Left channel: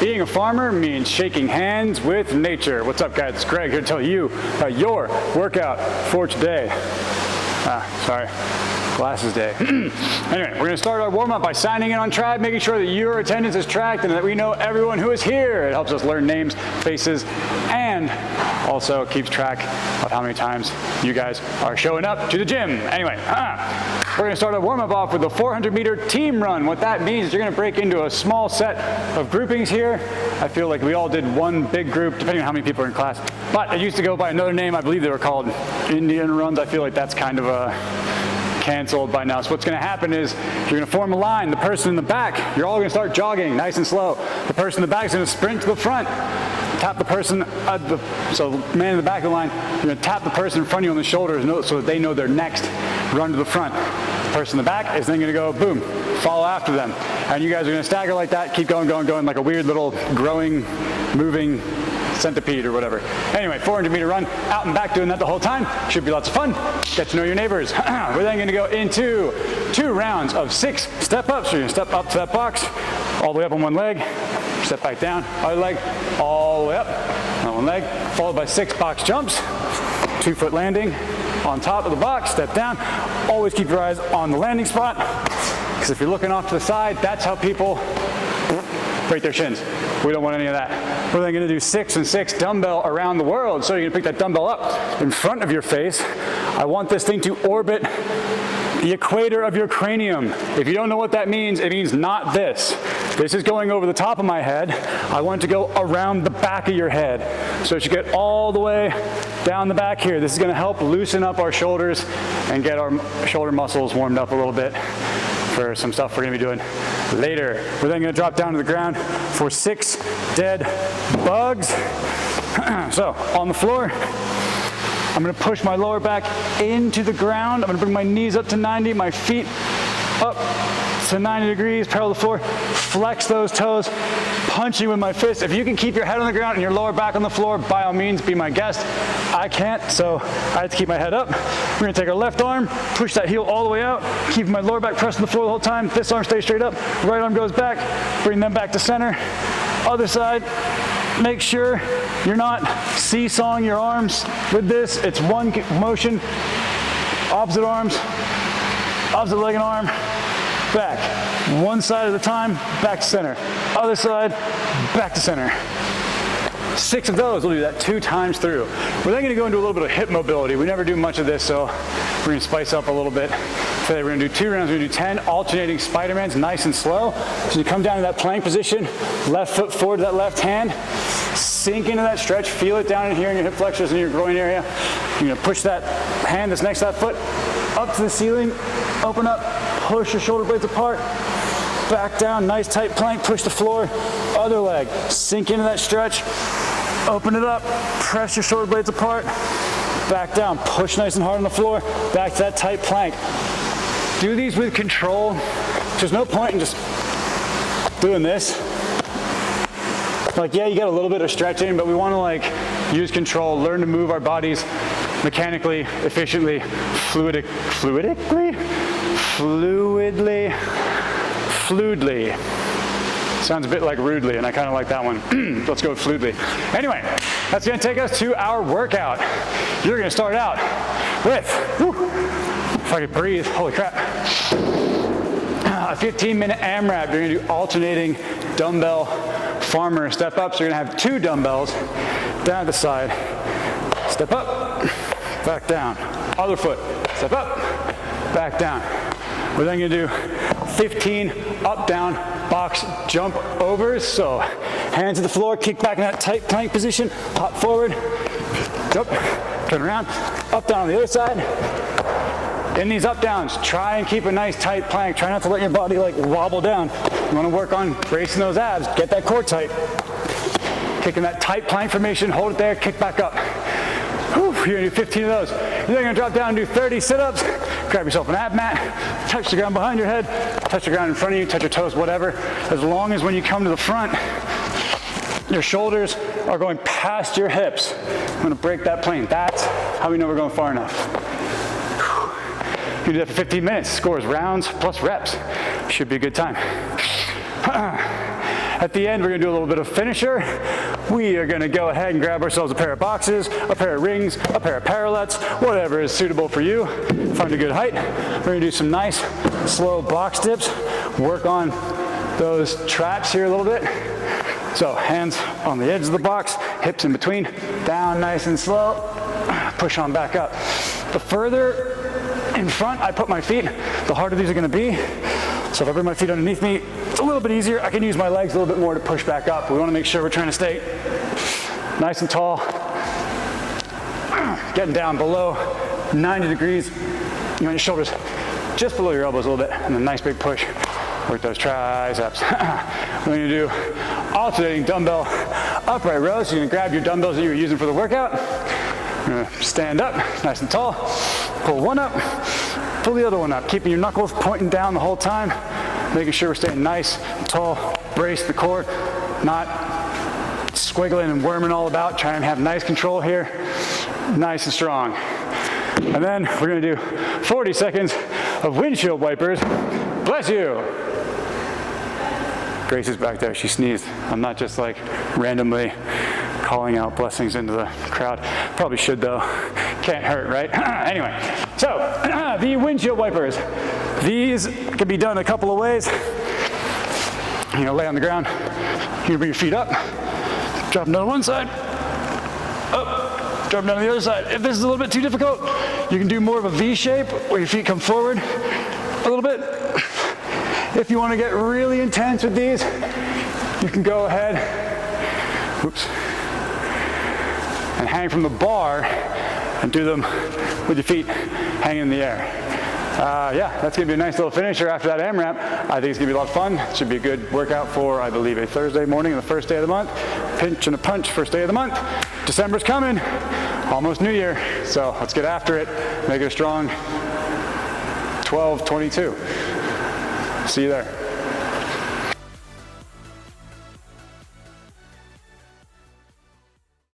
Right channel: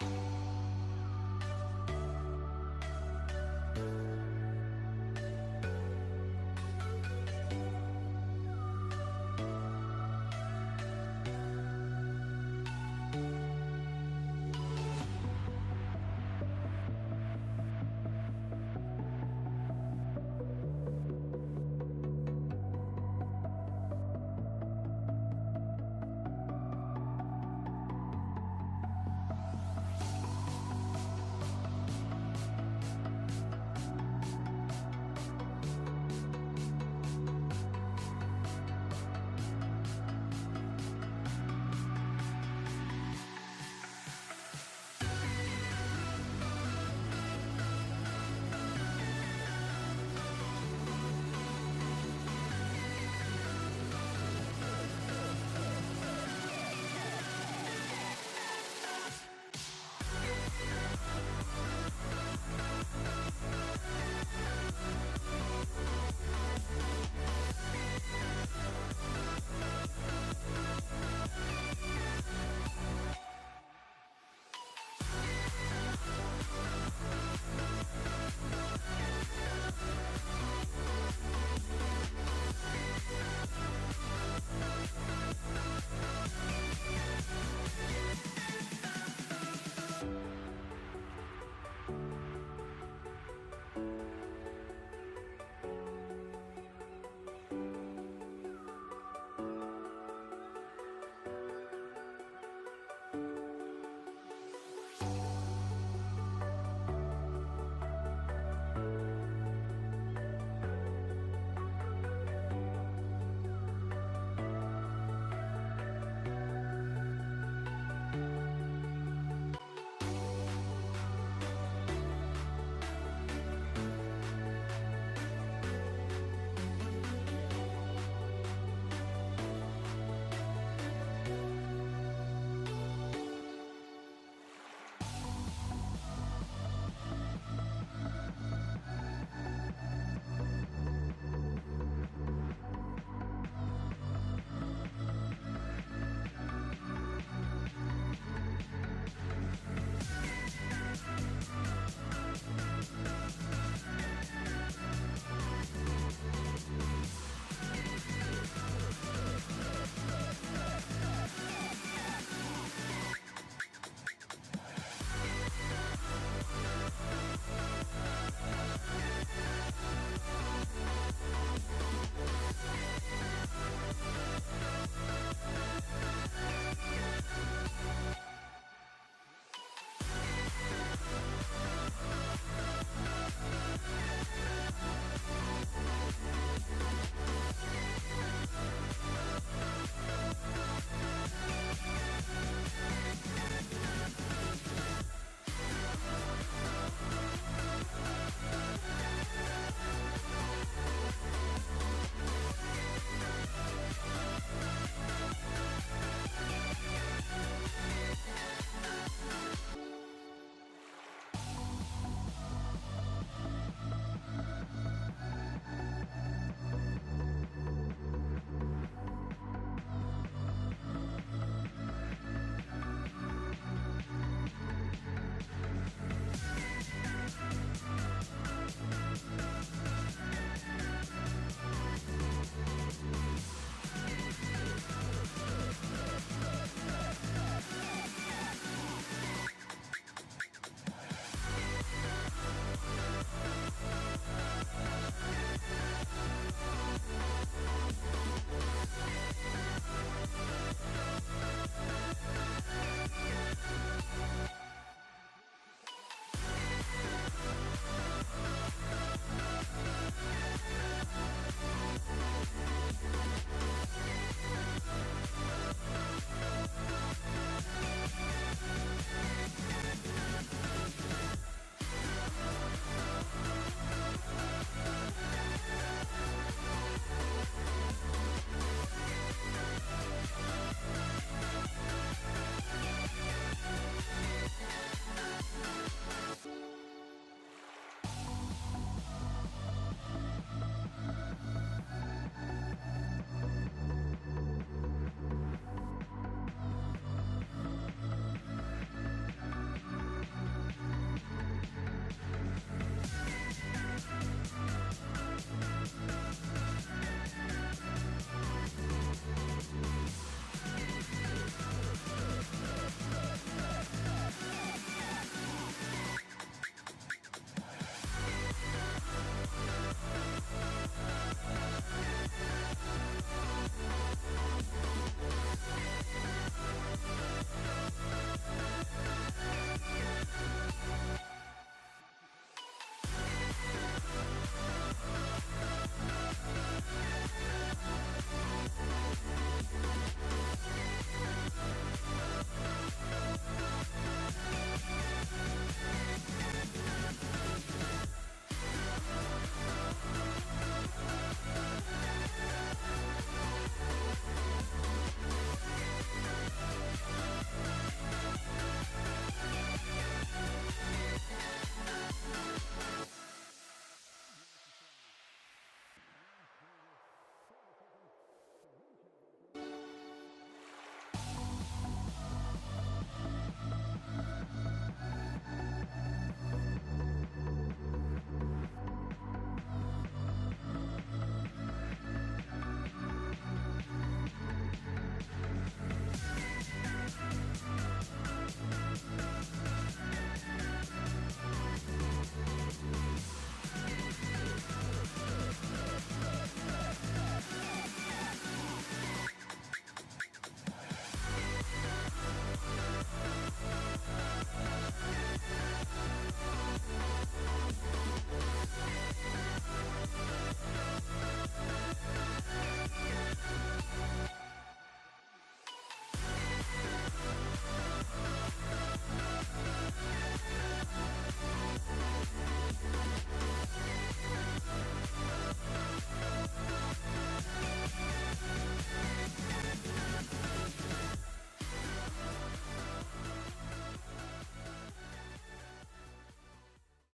Being a farmer means shaking hands with nature. What's up, guys? It's Greg here to tell you about your workout for today. Sorry, glasses day. Anyway, we're gonna start our warm-up by signing in on TRIIB, making sure that your attendance is tracked and that we know everyone who is here. It helps us learn names, faces, and also keeps track of how many times you guys are showing up to the gym. Anyway, we're gonna start our warm-up off with a 400-meter team run. What that means is you're gonna break into a small set of groupings here. I feel like we all did one big group, depending on how many people are in class. But it used to go by another name. I believe they were called Indian runs. I feel like that's kind of canceled by now. So what's gonna happen is you're gonna form a line. The person in the back, you're all gonna start jogging nice and slow. The person in the back is gonna sprint to the front. Tap the person, so man in the back of the line, you're gonna tap the person in front of you on the shoulders so that they know they're next. Run to the front. The person in the back is then gonna go boom, follow after them. And you guys are gonna stagger like that, keep going, going, going, like a weird little growing, moving centipede or whatever. Anyway, 400-meter run, out and back doing that the whole time. Should be lots of fun. Get to know your neighbors. We're then gonna go into 2 rounds of 6 step-ups. So you're gonna step up to that box, all the way up on one leg, step back down, other leg, all the way up on one leg, followed by 6 box jumps, 2-foot landing on top of the box, step down. Always keep your eyes on the landing spot, because if you're looking off to the side, that's how people break their shins. We don't want any of that. We're then gonna do 6 and 6 dumbbell around the world. So you're gonna pick that dumbbell up in front of your face. I want this thing to orbit the equator of your cranium. If you don't know what that means, it means not this. This is going over the top of my head. I want it to go around the back of your head. So it should get all the way down the back here. This is gonna help loosen up our shoulders and get our shoulder muscles warmed up a little bit for some stuff we're gonna be doing later. We're then gonna drop down to the ground for 6 dead bugs. So on the floor, I'm gonna push my lower back into the ground. I'm gonna bring my knees up to 90, my feet up to 90 degrees, parallel to the floor. Flex those toes, punching with my fist. If you can keep your head on the ground and your lower back on the floor, by all means, be my guest. I can't, so I have to keep my head up. We're gonna take our left arm, push that heel all the way out, keep my lower back pressed on the floor the whole time. This arm stays straight up, right arm goes back, bring them back to center. Other side, make sure you're not seesawing your arms with this. It's one motion, opposite arms, opposite leg and arm, back. One side at a time, back to center. Other side, back to center. 6 of those, we'll do that 2 times through. We're then gonna go into a little bit of hip mobility. We never do much of this, so we're gonna spice up a little bit. Today we're gonna do 2 rounds, we're gonna do 10 alternating Spidermans, nice and slow. So you come down to that plank position, left foot forward to that left hand, sink into that stretch, feel it down in here in your hip flexors and your groin area. You're gonna push that hand that's next to that foot up to the ceiling, open up, push your shoulder blades apart, back down, nice tight plank, push the floor, other leg, sink into that stretch, open it up, press your shoulder blades apart, back down, push nice and hard on the floor, back to that tight plank. Do these with control. There's no point in just doing this. Like, yeah, you get a little bit of stretching, but we want to like use control, learn to move our bodies mechanically, efficiently, fluidly. Sounds a bit like rudely, and I kind of like that one. Let's go with fluidly. Anyway, that's gonna take us to our workout. You're gonna start out with, if I could breathe, holy crap. A 15-minute AMRAP. You're gonna do alternating dumbbell farmer step ups. You're gonna have 2 dumbbells down the side. Step up, back down. Other foot, step up, back down. We're then gonna do 15 up, down, box jump overs. So hands to the floor, kick back in that tight plank position, hop forward, jump, turn around, up, down on the other side. In these up downs, try and keep a nice tight plank. Try not to let your body like wobble down. You wanna work on bracing those abs, get that core tight. Kicking that tight plank formation, hold it there, kick back up. Whew, you're gonna do 15 of those. You're then gonna drop down and do 30 sit-ups. Grab yourself an ab mat, touch the ground behind your head, touch the ground in front of you, touch your toes, whatever. As long as when you come to the front, your shoulders are going past your hips. I'm gonna break that plane. That's how we know we're going far enough. You do that for 15 minutes. Scores rounds plus reps. Should be a good time. At the end, we're gonna do a little bit of finisher. We are gonna go ahead and grab ourselves a pair of boxes, a pair of rings, a pair of parallettes, whatever is suitable for you. Find a good height. We're gonna do some nice, slow box dips. Work on those traps here a little bit. So hands on the edge of the box, hips in between, down nice and slow, push on back up. The further in front I put my feet, the harder these are gonna be. So if I bring my feet underneath me, it's a little bit easier. I can use my legs a little bit more to push back up. We wanna make sure we're trying to stay nice and tall. Getting down below 90 degrees. You want your shoulders just below your elbows a little bit, and a nice big push. Work those triceps. We're gonna do alternating dumbbell upright rows. So you're gonna grab your dumbbells that you were using for the workout. You're gonna stand up, nice and tall. Pull one up, pull the other one up. Keeping your knuckles pointing down the whole time. Making sure we're staying nice and tall. Brace the core, not squiggling and worming all about. Try and have nice control here. Nice and strong. And then we're gonna do 40 seconds of windshield wipers. Bless you. Grace is back there, she sneezed. I'm not just like randomly calling out blessings into the crowd. Probably should though, can't hurt, right? Anyway, so the windshield wipers. These can be done a couple of ways. You're gonna lay on the ground, you're gonna bring your feet up, drop them down one side, up, drop them down to the other side. If this is a little bit too difficult, you can do more of a V shape where your feet come forward a little bit. If you want to get really intense with these, you can go ahead, oops, and hang from the bar and do them with your feet hanging in the air. Yeah, that's going to be a nice little finisher after that AMRAP. I think it's going to be a lot of fun. It should be a good workout for, I believe, a Thursday morning, the first day of the month. Pinch and a punch, first day of the month. December's coming, almost New Year, so let's get after it. Make it a strong 12-22. See you there.